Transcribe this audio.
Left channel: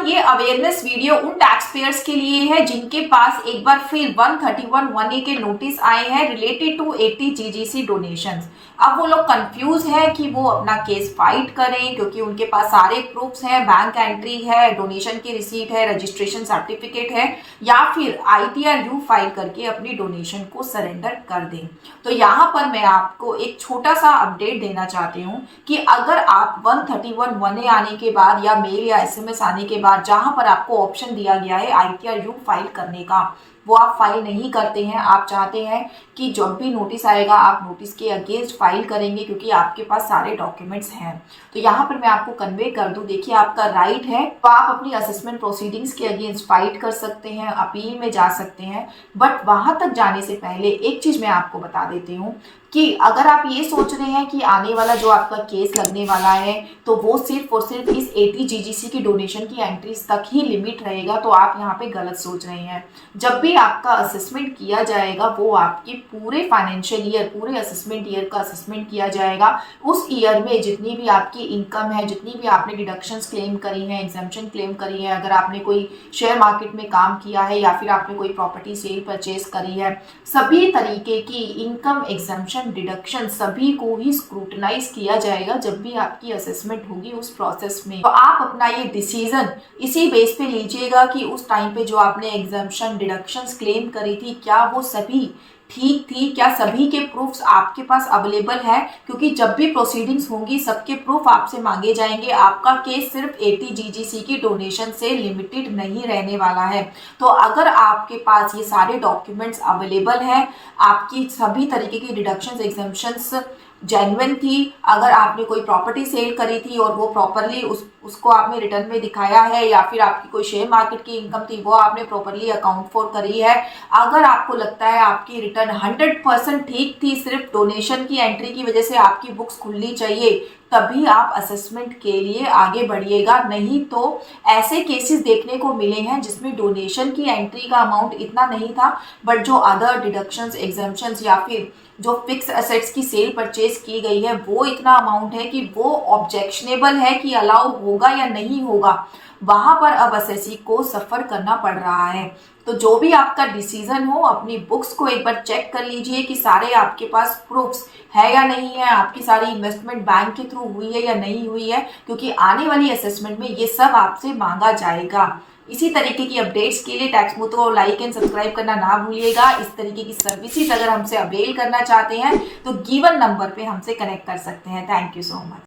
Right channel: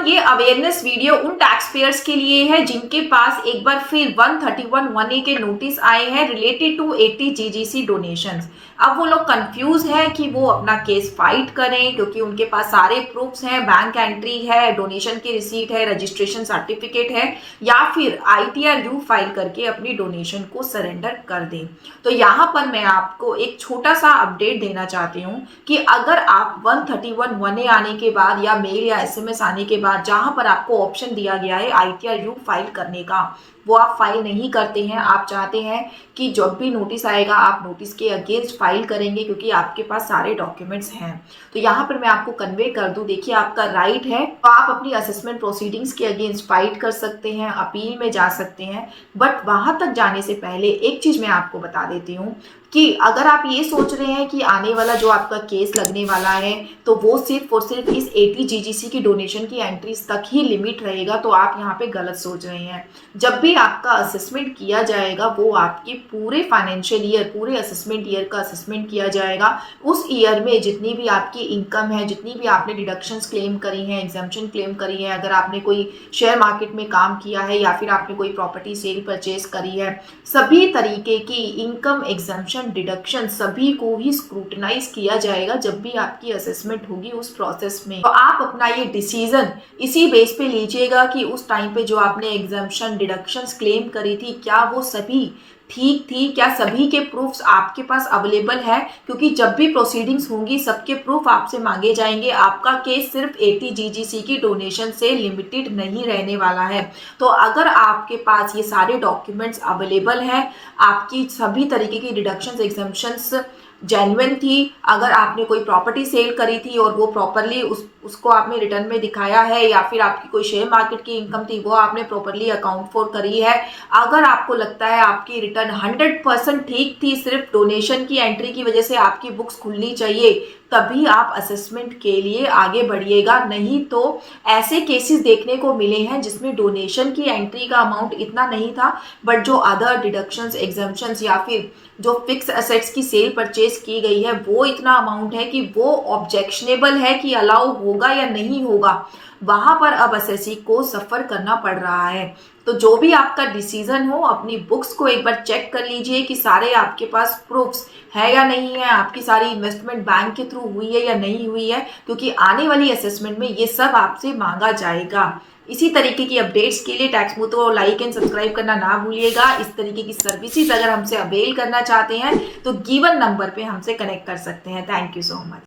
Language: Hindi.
एवरीवन, ये अवेयरनेस वीडियो उन टैक्स पेयर्स के लिए है जिनके पास एक बार फिर 131(1)(a) के नोटिस आए हैं रिलेटेड टू 80 जीजीसी डोनेशंस। अब वो लोग कंफ्यूज है कि वो अपना केस फाइट करें क्योंकि उनके पास सारे प्रूफ्स हैं, बैंक एंट्री है, डोनेशन की रिसीट है, रजिस्ट्रेशन सर्टिफिकेट है, या फिर ITR फाइल करके अपनी डोनेशन को सरेंडर कर दें। तो यहाँ पर मैं आपको एक छोटा सा अपडेट देना चाहती हूँ कि अगर आप 131(1)(a) आने के बाद या मेल या SMS आने के बाद जहां पर आपको ऑप्शन दिया गया है ITR फाइल करने का, वो आप फाइल नहीं करते हैं, आप चाहते हैं कि जब भी नोटिस आएगा आप नोटिस के अगेंस्ट फाइल करेंगे क्योंकि आपके पास सारे डॉक्यूमेंट्स हैं, तो यहाँ पर मैं आपको कन्वे कर दूं, देखिए आपका राइट है, तो आप अपनी असेसमेंट प्रोसीडिंग्स के अगेंस्ट फाइट कर सकते हैं, अपील में जा सकते हैं। बट वहां तक जाने से पहले एक चीज मैं आपको बता देती हूँ कि अगर आप ये सोच रहे हैं कि आने वाला जो आपका केस लगने वाला है तो वो सिर्फ और सिर्फ इस 80 जीजीसी की डोनेशन की एंट्रीज तक ही लिमिट रहेगा, तो आप यहाँ पे गलत सोच रहे हैं। जब भी आपका असेसमेंट किया जाएगा वो आपके पूरे फाइनेंशियल ईयर, पूरे असेसमेंट ईयर का असेसमेंट किया जाएगा। उस ईयर में जितनी भी आपकी इनकम है, जितनी भी आपने डिडक्शंस क्लेम करी है, एग्जम्पशन क्लेम करी है, अगर आपने कोई शेयर मार्केट में काम किया है या फिर आपने कोई प्रॉपर्टी सेल परचेज करी है, सभी तरीके की इनकम, एग्जम्पशन, डिडक्शन सभी को ही स्क्रूटनाइज किया जाएगा जब भी आपकी असेसमेंट होगी उस प्रोसेस में। तो आप अपना ये डिसीजन इसी बेस पे लीजिएगा कि उस टाइम पे जो आपने एग्जम्पशन, डिडक्शंस क्लेम करी थी, क्या वो सभी ठीक थी, क्या सभी के प्रूफ्स आपके पास अवेलेबल है, क्योंकि जब भी प्रोसीडिंग्स होंगी सबके प्रूफ आपसे मांगे जाएंगे। आपका केस सिर्फ 80 जीजीसी की डोनेशन से लिमिटेड नहीं रहने वाला है। तो अगर आपके पास ये सारे डॉक्यूमेंट्स अवेलेबल है, आपकी सभी तरीके की डिडक्शंस, एग्जम्पशंस जेन्युइन थी, अगर आपने कोई प्रॉपर्टी सेल करी थी और वो प्रॉपरली उसको आपने रिटर्न में दिखाया है, या फिर आपकी कोई शेयर मार्केट की इनकम थी वो आपने प्रॉपरली अकाउंट फॉर करी है, अगर आपको लगता है आपकी रिटर्न 100% ठीक थी, सिर्फ डोनेशन की एंट्री की वजह से आपकी बुक्स खुलनी चाहिए, तभी आप असेसमेंट के लिए आगे बढ़िएगा। नहीं तो ऐसे केसेस देखने को मिले हैं जिसमें डोनेशन की एंट्री का अमाउंट इतना नहीं था, बट जो अदर डिडक्शंस, एग्जम्पशंस या फिर जो फिक्स एसेट्स की सेल परचेज की गई है वो इतना अमाउंट है कि वो ऑब्जेक्शनेबल है कि अलाउ होगा या नहीं होगा। वहां पर अब असेसी को सफर करना पड़ रहा है। तो जो भी आपका डिसीजन हो, अपनी बुक्स को एक बार चेक कर लीजिए कि सारे आपके पास प्रूफ्स है या नहीं है, आपकी सारी इन्वेस्टमेंट बैंक के थ्रू हुई है या नहीं हुई है, क्योंकि आने वाली असेसमेंट में ये सब आपसे मांगा जाएगा। इसी तरीके की अपडेट्स के लिए टैक्समो को लाइक एंड सब्सक्राइब करना ना भूलिएगा। इस तरीके की सर्विसेज अगर हमसे अवेल करना चाहते हैं तो गिवन नंबर पे हमसे कनेक्ट कर सकते हैं। Thank you so much.